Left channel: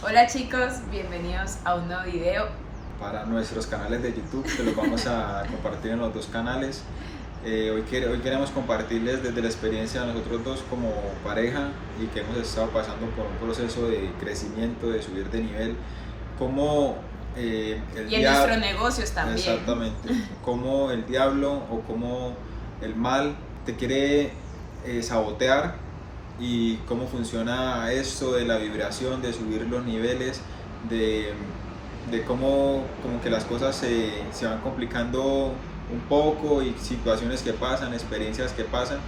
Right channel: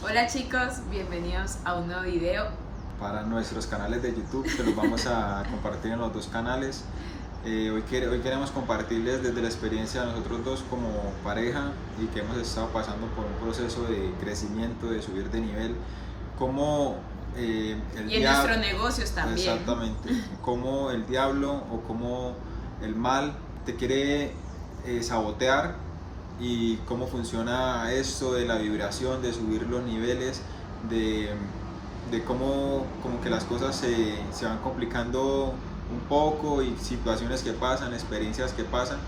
Hola chicos, bienvenidos a un nuevo video. Para nuestros canales de YouTube, que los vamos a compartir en los dos canales. Hoy queremos compartirles desde la experiencia de nosotros dos como pareja y que hemos estado pasando por un proceso de crecimiento, de subir de nivel, cómo y en nuestros negocios también. Exactamente, cómo el diablo o cómo el mal te quiere sabotear y cómo funciona esto de la vibración, de subir los niveles, de cómo como que las cosas se van complicando un poco y situaciones que pasan, experiencias que pasan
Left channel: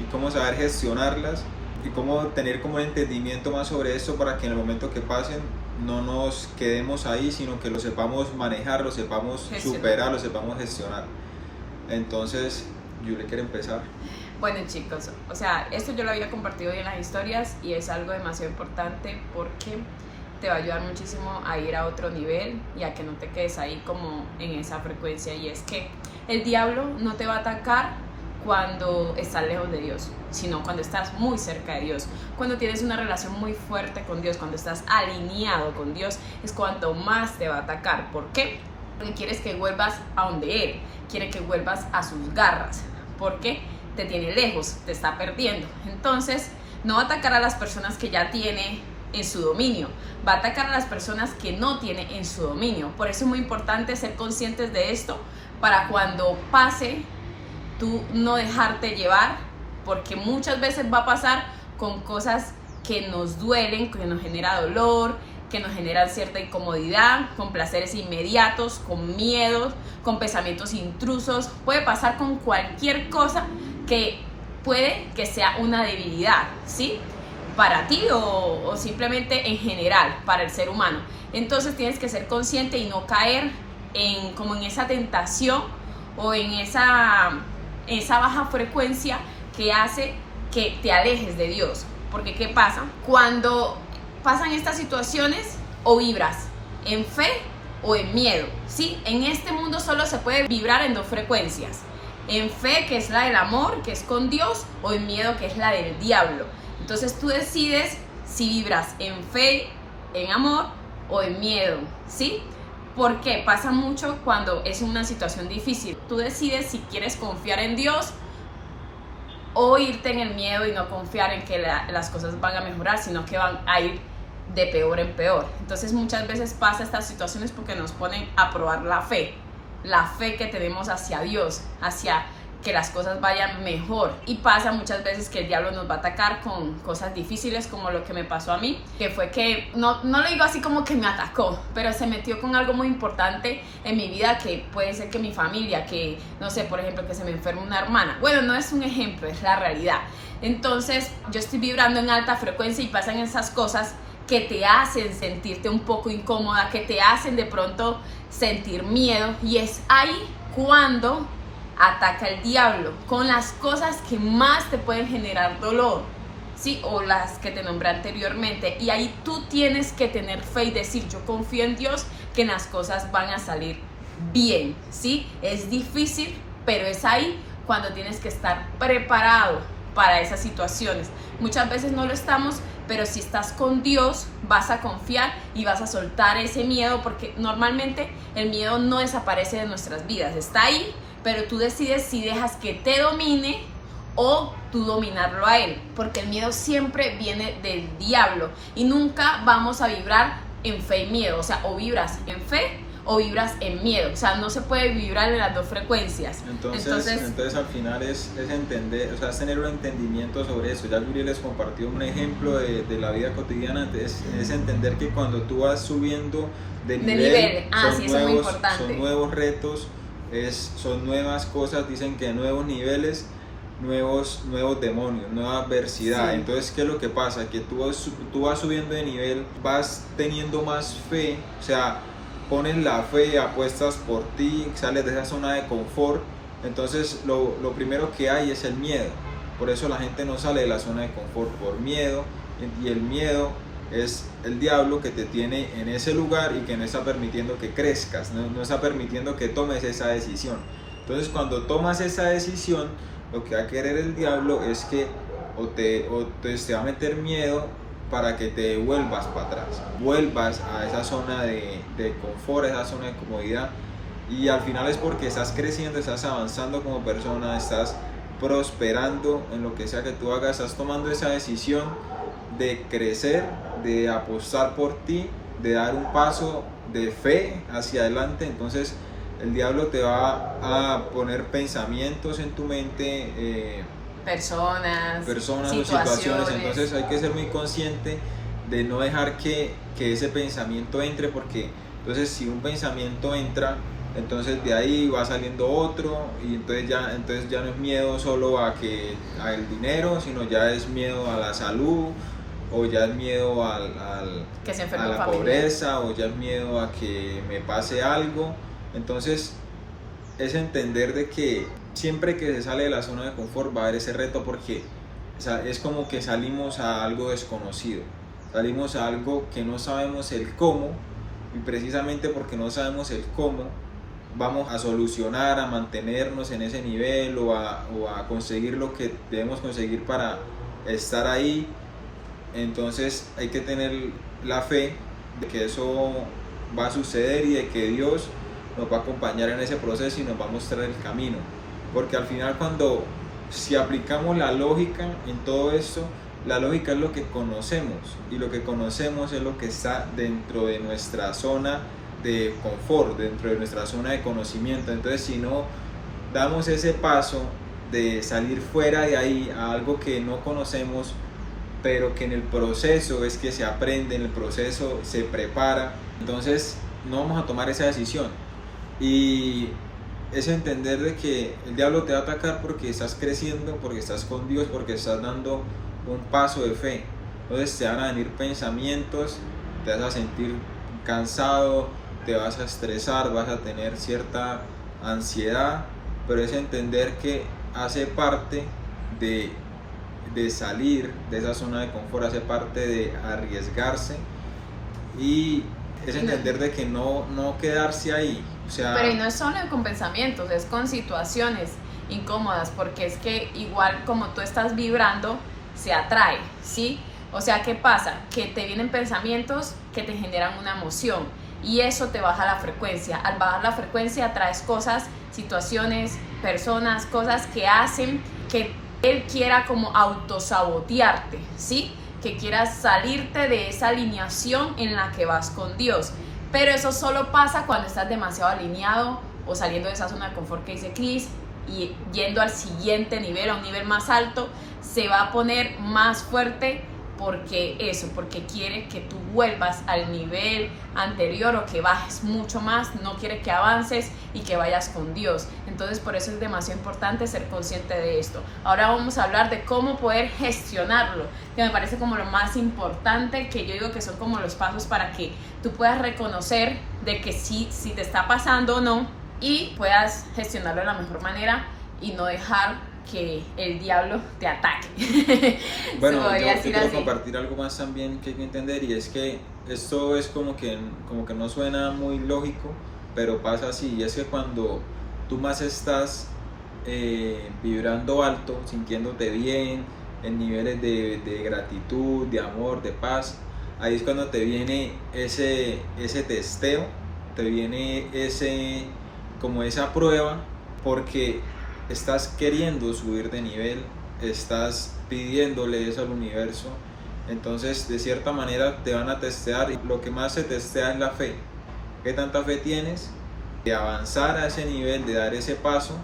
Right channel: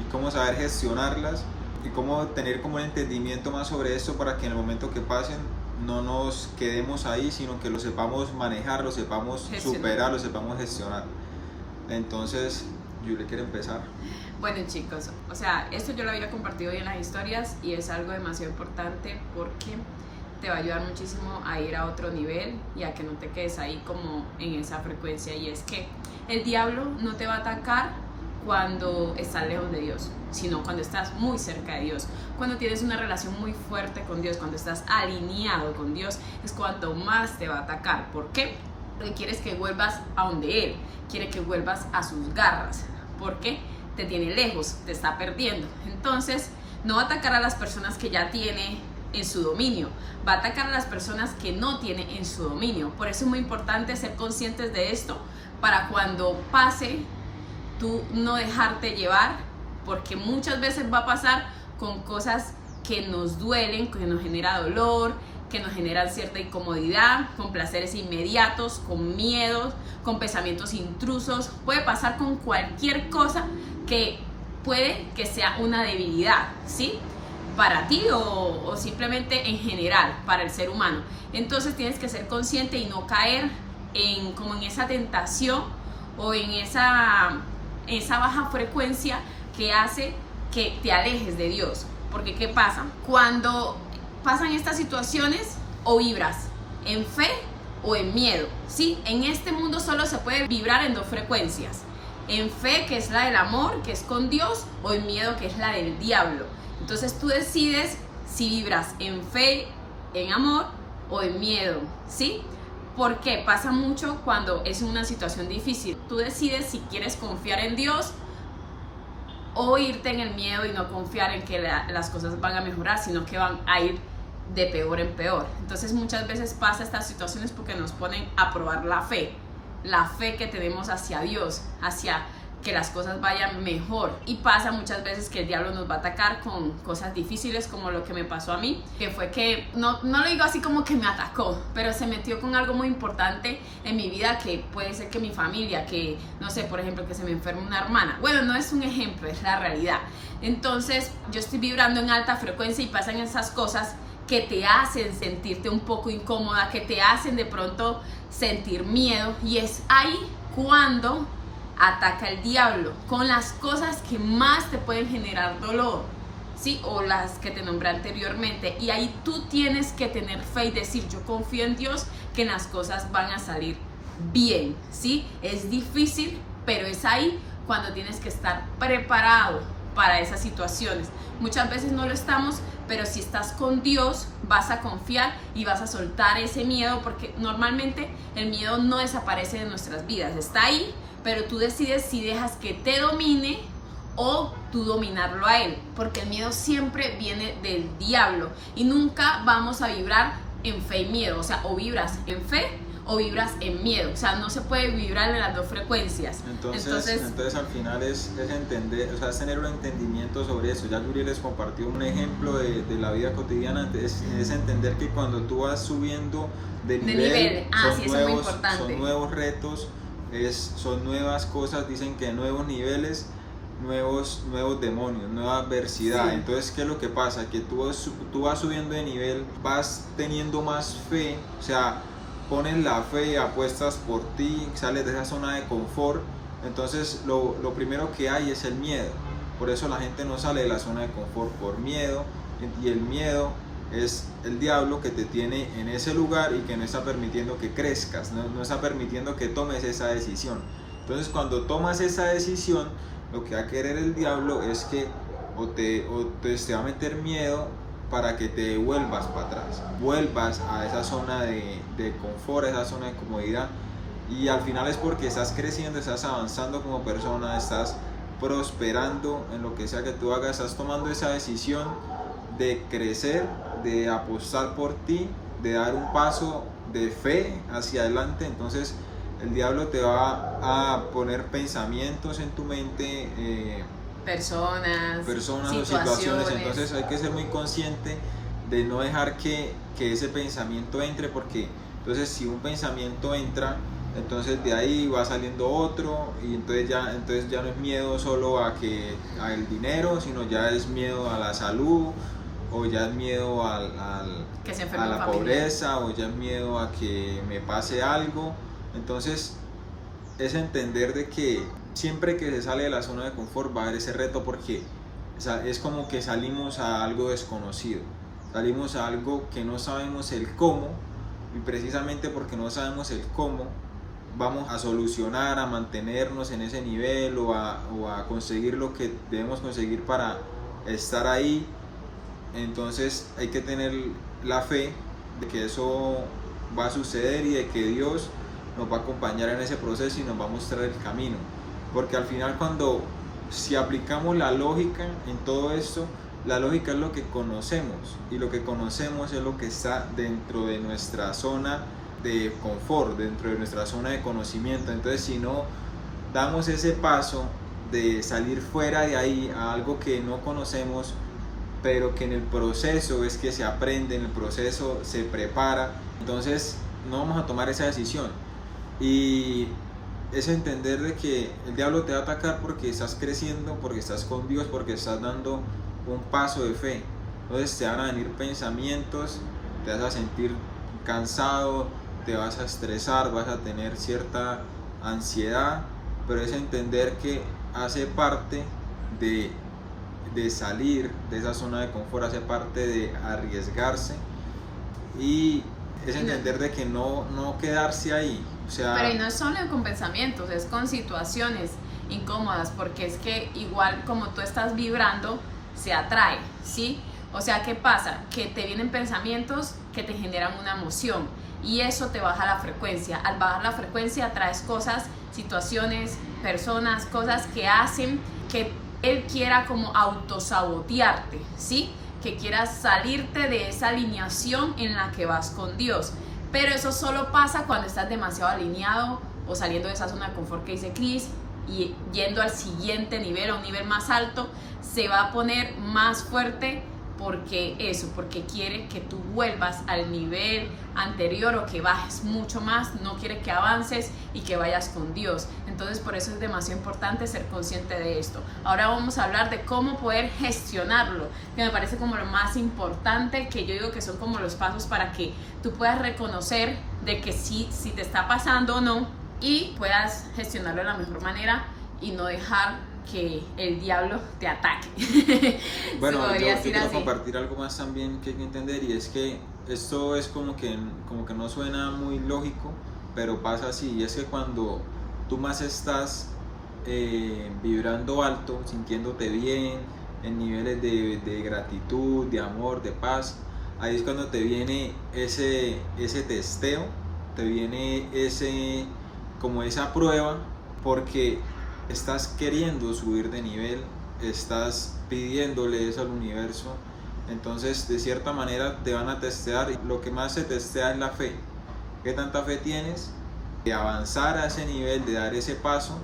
y cómo saber gestionarlas y cómo tener como entendimiento más sobre esto para que en el momento que pasen no nos quedemos ahí, sino que lo sepamos manejar, lo sepamos superar, lo sepamos gestionar. Entonces, Julie quiere empezar. Bueno chicos, o sea, esto yo lo había compartido hoy en las historias y es algo demasiado importante porque te va a ayudar muchísimo a ir a otro nivel y a que no te quedes ahí como en esa frecuencia. Y es que el diablo no te va a atacar cuando estás lejos de Dios, sino cuando estás muy cerca de Dios, cuando tienes una relación muy fuerte con Dios, cuando estás alineado con Dios, es cuanto más te va a atacar. ¿Por qué? Porque quieres que vuelvas a donde Él, quiere que vuelvas a sus garras, porque te tiene lejos, te está perdiendo. Entonces no va a atacar a las personas que ya tiene en su dominio, va a atacar a las personas que no tiene en su dominio. Por eso es muy importante ser conscientes de esto, para cuando pase, tú no dejarte llevar, porque muchas veces va a pasar con cosas que nos duelen, que nos genera dolor, que nos generan cierta incomodidad, con placeres inmediatos, con miedos, con pensamientos intrusos. Puede pasar con cualquier cosa que puede que sea una debilidad, ¿sí? Para ti o simplemente en general, para el ser humano. Entonces tienes que ser consciente y no caer como en esa tentación o en esa baja frecuencia que hace que te alejes de Dios. Porque ¿qué pasa? Cuando pasan estas situaciones, o vibras en fe o en miedo, ¿sí? En este mundo solo se puede vibrar en dos frecuencias: en fe, que es la del amor, que es con Dios, o en miedo, que es la del diablo. Entonces tú decides si vibras en fe, en amor o en miedo, ¿sí? Porque pasa mucho cuando es una situación difícil. Tú decides si quieres confiar en Dios o irte en el miedo y no confiar en que las cosas van a mejorar, sino que van a ir de peor en peor. Entonces muchas veces pasa estas situaciones porque nos ponen a probar la fe que tenemos hacia Dios, hacia que las cosas vayan mejor. Y pasa muchas veces que el diablo nos va a atacar con cosas difíciles, como lo que me pasó a mí, que fue que, no lo digo así como que me atacó, pero se metió con algo muy importante en mi vida, que puede ser que mi familia, que no sé, por ejemplo, que se me enferme una hermana. Bueno, no es un ejemplo, es la realidad. Entonces yo estoy vibrando en alta frecuencia y pasan esas cosas que te hacen sentirte un poco incómoda, que te hacen de pronto sentir miedo, y es ahí cuando ataca el diablo con las cosas que más te pueden generar dolor, ¿sí? O las que te nombré anteriormente. Y ahí tú tienes que tener fe y decir: yo confío en Dios, que las cosas van a salir bien, ¿sí? Es difícil, pero es ahí cuando tienes que estar preparado para esas situaciones. Muchas veces no lo estamos, pero si estás con Dios vas a confiar y vas a soltar ese miedo, porque normalmente el miedo no desaparece de nuestras vidas, está ahí, pero tú decides si dejas que te domine o tú dominarlo a él, porque el miedo siempre viene del diablo y nunca vamos a vibrar en fe y miedo. O sea, o vibras en fe o vibras en miedo, o sea, no se puede vibrar en las dos frecuencias. Entonces al final es entender, o sea, es tener un entendimiento sobre eso. Ya Yuri les compartió un ejemplo de la vida cotidiana. Es entender que cuando tú vas subiendo de nivel, son nuevos retos, son nuevas cosas. Dicen que nuevos niveles, nuevos demonios, nueva adversidad. Sí. Entonces, ¿qué es lo que pasa? Que tú vas subiendo de nivel, vas teniendo más fe, o sea, pones la fe y apuestas por ti, sales de esa zona de confort. Entonces lo primero que hay es el miedo. Por eso la gente no sale de la zona de confort, por miedo. Y el miedo es el diablo que te tiene en ese lugar y que no está permitiendo que crezcas, no está permitiendo que tomes esa decisión. Entonces cuando tomas esa decisión, lo que va a querer el diablo es que o te va a meter miedo para que te vuelvas para atrás, vuelvas a esa zona de confort, a esa zona de comodidad, y al final es porque estás creciendo, estás avanzando como persona, estás prosperando en lo que sea que tú hagas, estás tomando esa decisión de crecer, de apostar por ti, de dar un paso de fe hacia adelante. Entonces el diablo te va a poner pensamientos en tu mente, personas o situaciones. Entonces hay que ser muy consciente de no dejar que ese pensamiento entre, porque entonces si un pensamiento entra, entonces de ahí va saliendo otro, y entonces ya no es miedo solo al dinero, sino ya es miedo a la salud, o ya es miedo a la pobreza, o ya es miedo a que me pase algo. Entonces es entender de que siempre que se sale de la zona de confort va a haber ese reto, porque es como que salimos a algo desconocido, salimos a algo que no sabemos el cómo, y precisamente porque no sabemos el cómo vamos a solucionar, a mantenernos en ese nivel, o a conseguir lo que debemos conseguir para estar ahí. Entonces hay que tener la fe de que eso va a suceder, y de que Dios nos va a acompañar en ese proceso y nos va a mostrar el camino, porque al final, si aplicamos la lógica en todo esto, la lógica es lo que conocemos, y lo que conocemos es lo que está dentro de nuestra zona de confort, dentro de nuestra zona de conocimiento. Entonces si no damos ese paso de salir fuera de ahí a algo que no conocemos, pero que en el proceso es que se aprende, en el proceso se prepara, entonces no vamos a tomar esa decisión. Y es entender de que el diablo te va a atacar porque estás creciendo, porque estás con Dios, porque estás dando un paso de fe. Entonces te van a venir pensamientos, te vas a sentir cansado, te vas a estresar, vas a tener cierta ansiedad, pero es entender que hace parte de salir de esa zona de confort, hace parte de arriesgarse, y es entender de que no quedarse ahí. O sea, pero no es solo con pensamientos, es con situaciones incómodas, porque es que igual como tú estás vibrando, se atrae, ¿sí? O sea, ¿qué pasa? Que te vienen pensamientos que te generan una emoción, y eso te baja la frecuencia. Al bajar la frecuencia atraes cosas, situaciones, personas, cosas que hacen que él quiera como autosabotearte, ¿sí? Que quieras salirte de esa alineación en la que vas con Dios. Pero eso solo pasa cuando estás demasiado alineado, o saliendo de esa zona de confort que dice Chris, y yendo al siguiente nivel, a un nivel más alto. Se va a poner más fuerte, porque quiere que tú vuelvas al nivel anterior, o que bajes mucho más, no quiere que avances y que vayas con Dios. Entonces por eso es demasiado importante ser consciente de esto. Ahora vamos a hablar de cómo poder gestionarlo, que me parece como lo más importante, que yo digo que son como los pasos para que tú puedas reconocer de que si te está pasando o no, y puedas gestionarlo de la mejor manera y no dejar que el diablo te ataque. Bueno, yo quiero compartir algo más también que hay que entender, y es que esto es como que no suena muy lógico, pero pasa así. Y es que cuando tú más estás vibrando alto, sintiéndote bien, en niveles de gratitud, de amor, de paz, ahí es cuando te viene ese testeo, te viene como esa prueba, porque estás queriendo subir de nivel, estás pidiéndole eso al universo. Entonces de cierta manera te van a testear, y lo que más se testea es la fe. ¿Qué tanta fe tienes de avanzar a ese nivel, de dar ese paso,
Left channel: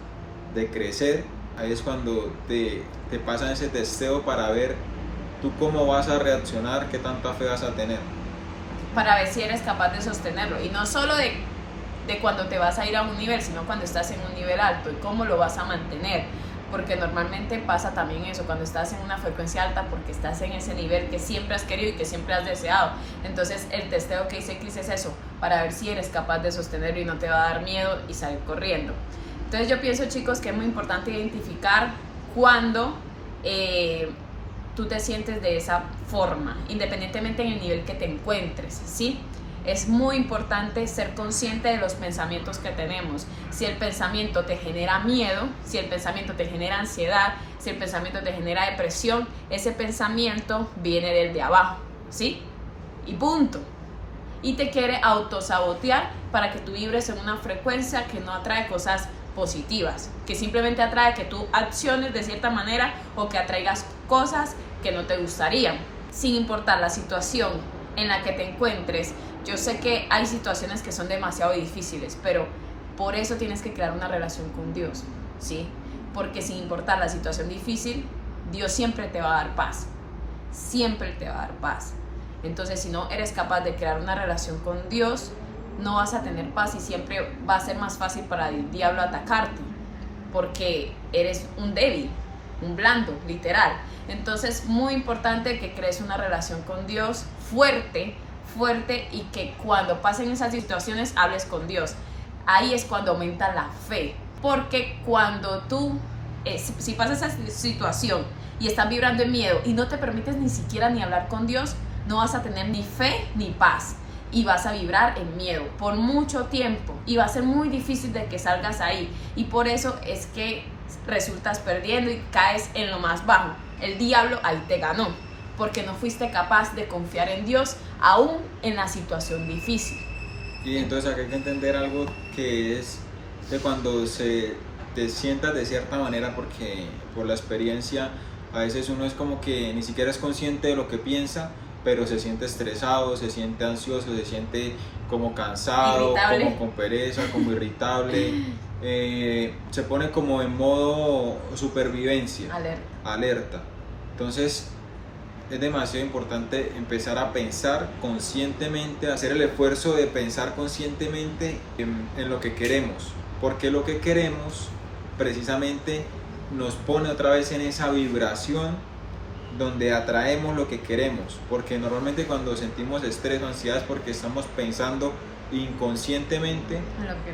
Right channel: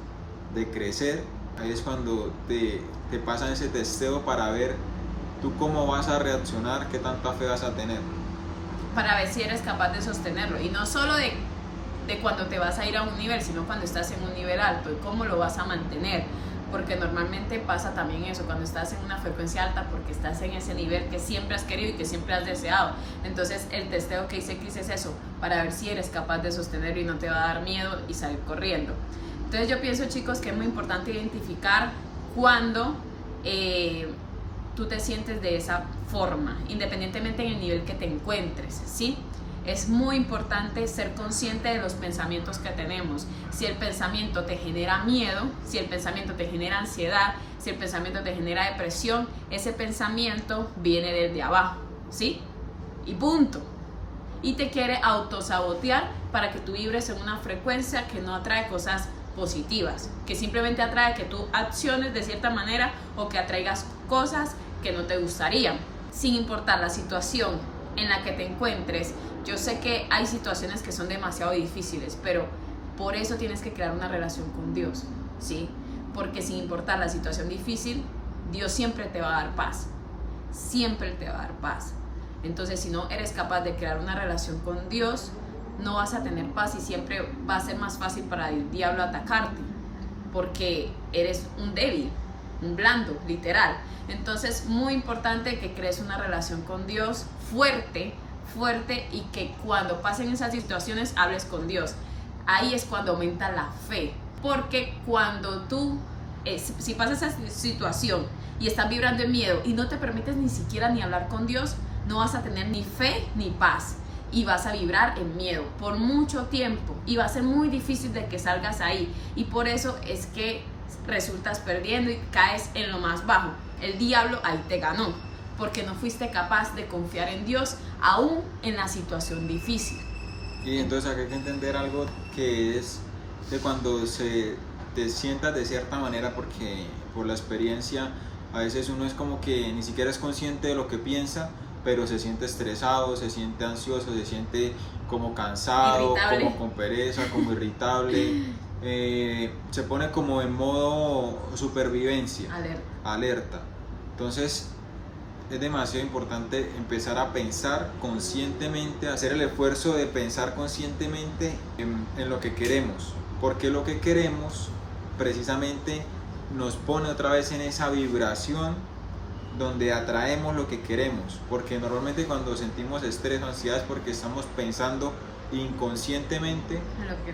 de crecer? Ahí es cuando te pasan ese testeo para ver tú cómo vas a reaccionar, qué tanta fe vas a tener, para ver si eres capaz de sostenerlo. Y no solo de cuando te vas a ir a un nivel, sino cuando estás en un nivel alto, y cómo lo vas a mantener, porque normalmente pasa también eso, cuando estás en una frecuencia alta, porque estás en ese nivel que siempre has querido y que siempre has deseado. Entonces el testeo que dice Chris es eso, para ver si eres capaz de sostenerlo y no te va a dar miedo y salir corriendo. Entonces yo pienso, chicos, que es muy importante identificar cuando tú te sientes de esa forma, independientemente en el nivel que te encuentres, ¿sí? Es muy importante ser consciente de los pensamientos que tenemos. Si el pensamiento te genera miedo, si el pensamiento te genera ansiedad, si el pensamiento te genera depresión, ese pensamiento viene desde abajo, ¿sí? Y punto. Y te quiere autosabotear para que tú vibres en una frecuencia que no atrae cosas positivas, que simplemente atrae que tú acciones de cierta manera o que atraigas cosas que no te gustarían, sin importar la situación en la que te encuentres. Yo sé que hay situaciones que son demasiado difíciles, pero por eso tienes que crear una relación con Dios, ¿sí? Porque sin importar la situación difícil, Dios siempre te va a dar paz, siempre te va a dar paz. Entonces, si no eres capaz de crear una relación con Dios, no vas a tener paz y siempre va a ser más fácil para el diablo atacarte, porque eres un débil, un blando, literal. Entonces, muy importante que crees una relación con Dios fuerte, y que cuando pasen esas situaciones hables con Dios. Ahí es cuando aumenta la fe, porque cuando tú, si pasa esa situación y estás vibrando en miedo y no te permites ni siquiera ni hablar con Dios, no vas a tener ni fe ni paz y vas a vibrar en miedo por mucho tiempo y va a ser muy difícil de que salgas ahí, y por eso es que resultas perdiendo y caes en lo más bajo. El diablo ahí te ganó porque no fuiste capaz de confiar en Dios aún en la situación difícil. Y entonces acá hay que entender algo, que es que cuando te sientas de cierta manera, porque por la experiencia a veces uno es como que ni siquiera es consciente de lo que piensa, pero se siente estresado, se siente ansioso, se siente como cansado, irritable, como con pereza, como irritable, se pone como en modo supervivencia, alerta. Entonces es demasiado importante empezar a pensar conscientemente, hacer el esfuerzo de pensar conscientemente en lo que queremos, porque lo que queremos precisamente nos pone otra vez en esa vibración donde atraemos lo que queremos, porque normalmente cuando sentimos estrés o ansiedad es porque estamos pensando inconscientemente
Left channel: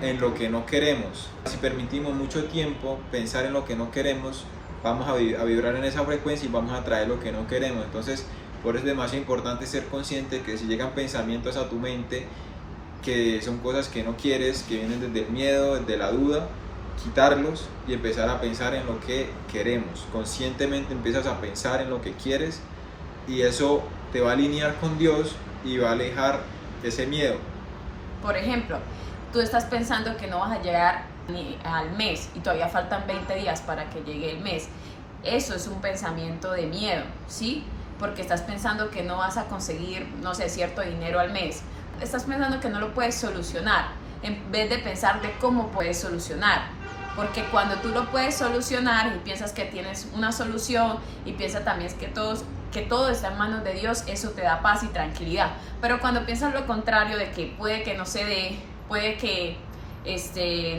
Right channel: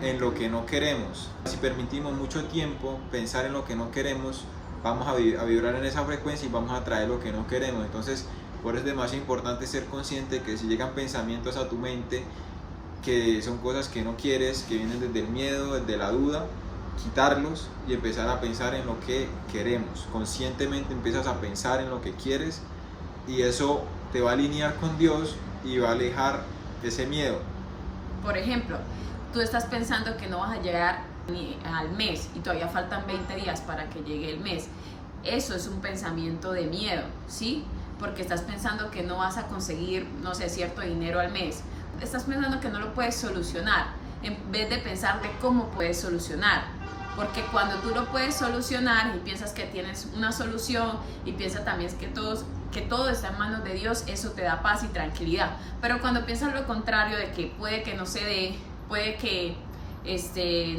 en lo que no queremos. Si permitimos mucho tiempo pensar en lo que no queremos, vamos a vibrar en esa frecuencia y vamos a atraer lo que no queremos. Entonces, por eso es demasiado importante ser consciente que si llegan pensamientos a tu mente que son cosas que no quieres, que vienen desde el miedo, desde la duda, quitarlos y empezar a pensar en lo que queremos. Conscientemente empiezas a pensar en lo que quieres y eso te va a alinear con Dios y va a alejar ese miedo. Por ejemplo, tú estás pensando que no vas a llegar ni al mes y todavía faltan 20 días para que llegue el mes. Eso es un pensamiento de miedo, ¿sí? Porque estás pensando que no vas a conseguir, no sé, cierto dinero al mes. Estás pensando que no lo puedes solucionar en vez de pensar de cómo puedes solucionar. Porque cuando tú lo puedes solucionar y piensas que tienes una solución y piensas también que todo está en manos de Dios, eso te da paz y tranquilidad. Pero cuando piensas lo contrario, de que puede que no se dé, puede que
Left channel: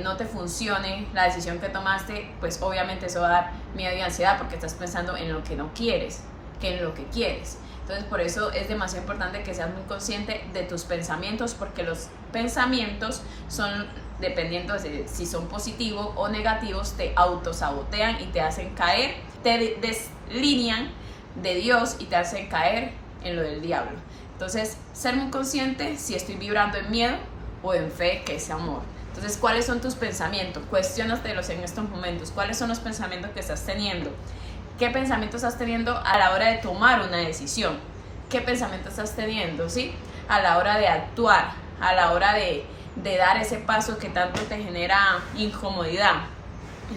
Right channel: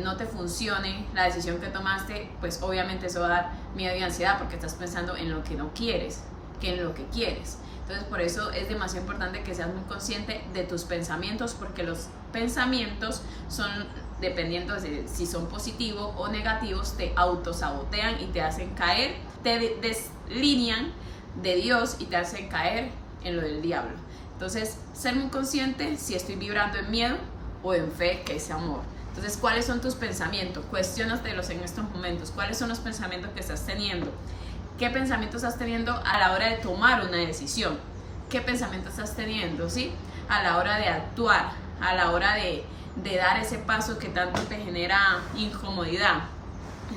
no te funcione la decisión que tomaste, pues obviamente eso va a dar miedo y ansiedad porque estás pensando en lo que no quieres, que en lo que quieres. Entonces por eso es demasiado importante que seas muy consciente de tus pensamientos, porque los pensamientos son, dependiendo de si son positivos o negativos, te autosabotean y te hacen caer, te deslinean de Dios y te hacen caer en lo del diablo. Entonces, ser muy consciente si estoy vibrando en miedo o en fe, que es amor. Entonces, ¿cuáles son tus pensamientos? Cuestiónatelos en estos momentos. ¿Cuáles son los pensamientos que estás teniendo? ¿Qué pensamientos estás teniendo a la hora de tomar una decisión? ¿Qué pensamientos estás teniendo, sí? A la hora de actuar, a la hora de dar ese paso que tanto te genera incomodidad.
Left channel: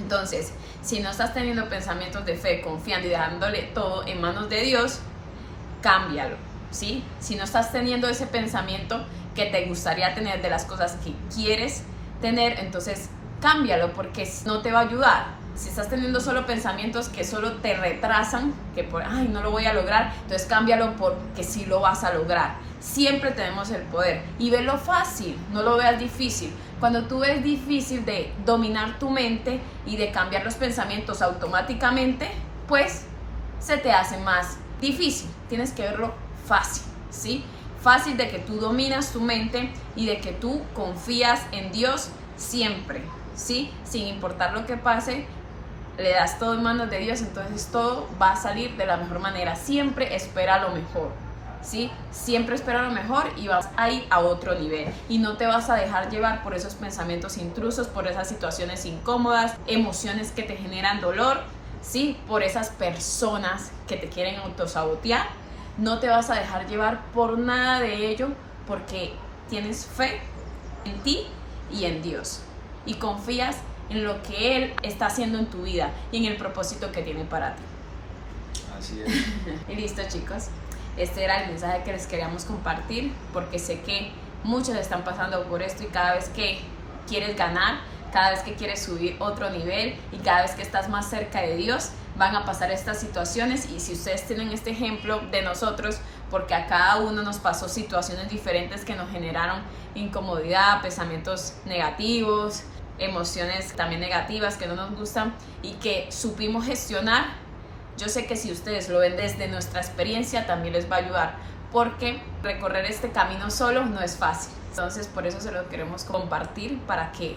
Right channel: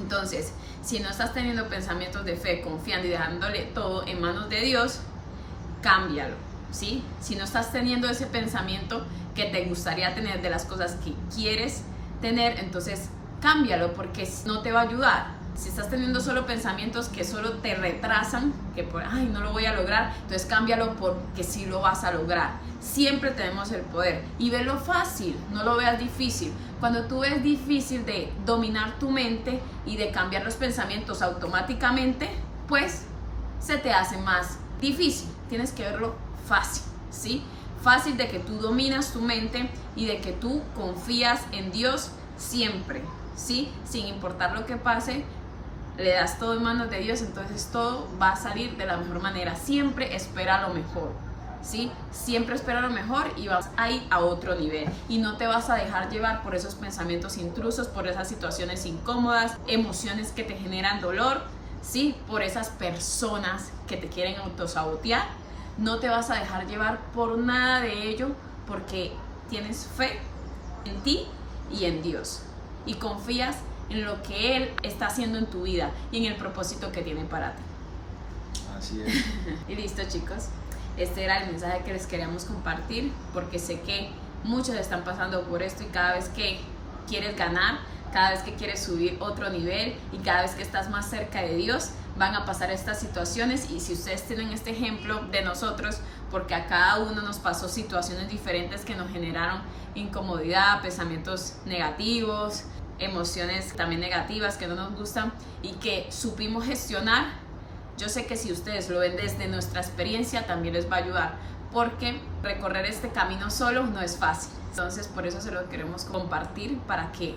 Entonces, si no estás teniendo pensamientos de fe, confiando y dejándole todo en manos de Dios, cámbialo, ¿sí? Si no estás teniendo ese pensamiento que te gustaría tener de las cosas que quieres tener, entonces cámbialo, porque no te va a ayudar. Si estás teniendo solo pensamientos que solo te retrasan, que por, ay, no lo voy a lograr, entonces cámbialo porque sí lo vas a lograr. Siempre tenemos el poder y velo fácil, no lo veas difícil. Cuando tú ves difícil de dominar tu mente y de cambiar los pensamientos automáticamente, pues se te hace más difícil. Tienes que verlo fácil, ¿sí? Fácil de que tú dominas tu mente y de que tú confías en Dios siempre, ¿sí? Sin importar lo que pase, le das todo en manos de Dios, entonces todo va a salir de la mejor manera. Siempre espera lo mejor, ¿sí? Siempre espera lo mejor y vas a ir a otro nivel y no te vas a dejar llevar por esos pensamientos intrusos, por esas situaciones incómodas, emociones que te generan dolor, ¿sí? Por esas personas que te quieren autosabotear. no te vas a dejar llevar por nada de ello, porque tienes fe en ti y en Dios, y confías en lo que Él está haciendo en tu vida y en el propósito que tiene para ti. Así es. Y listo, chicos, este era el mensaje que les queríamos compartir, porque sé que muchos están pasando por esto, y cada vez que quieres ganar, cada vez que quieres subir otro nivel y cada vez que estás más cerca de Dios, van a pasar estas situaciones. Y si ustedes tienen este ejemplo de nosotros, porque a cada uno nos pasó situaciones diferentes que nos generaron incomodidad, pensamientos negativos, emociones también negativas que no nos gustan, y que supimos gestionar, yo sé que si ustedes lo ven desde nuestra experiencia también les va a ayudar, porque recorrer este camino solo no es fácil. Entonces por eso se lo queremos compartir, para que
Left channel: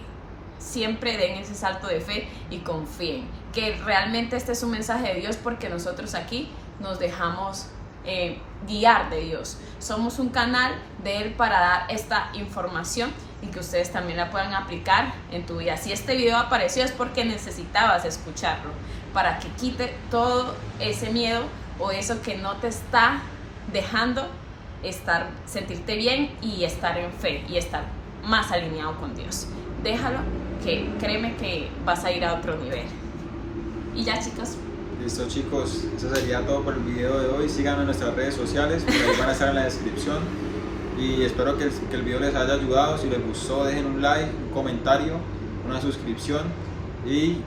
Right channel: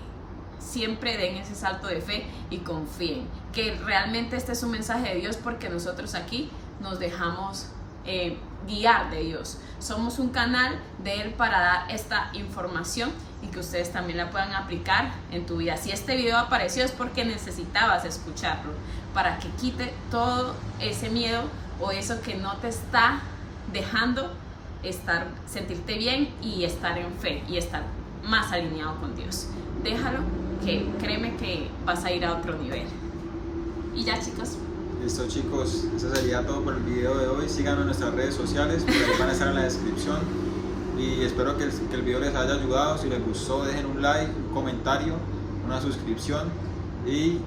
siempre den ese salto de fe y confíen que realmente este es un mensaje de Dios, porque nosotros aquí nos dejamos guiar de Dios. Somos un canal de Él para dar esta información y que ustedes también la puedan aplicar en tu vida. Si este video apareció es porque necesitabas escucharlo, para que quite todo ese miedo o eso que no te está dejando sentirte bien y estar en fe y estar más alineado con Dios. Déjalo, que créeme que vas a ir a otro nivel. Y ya, chicos. Listo, chicos, eso sería todo por el video de hoy. Síganos en nuestras redes sociales, por ahí van a estar en la descripción, y espero que el video les haya ayudado. Si les gustó, dejen un like, un comentario, una suscripción, y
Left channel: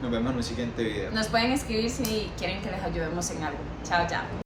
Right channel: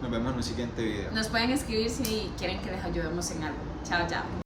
nos vemos en un siguiente video. Nos pueden escribir si quieren que les ayudemos en algo. Chao, chao.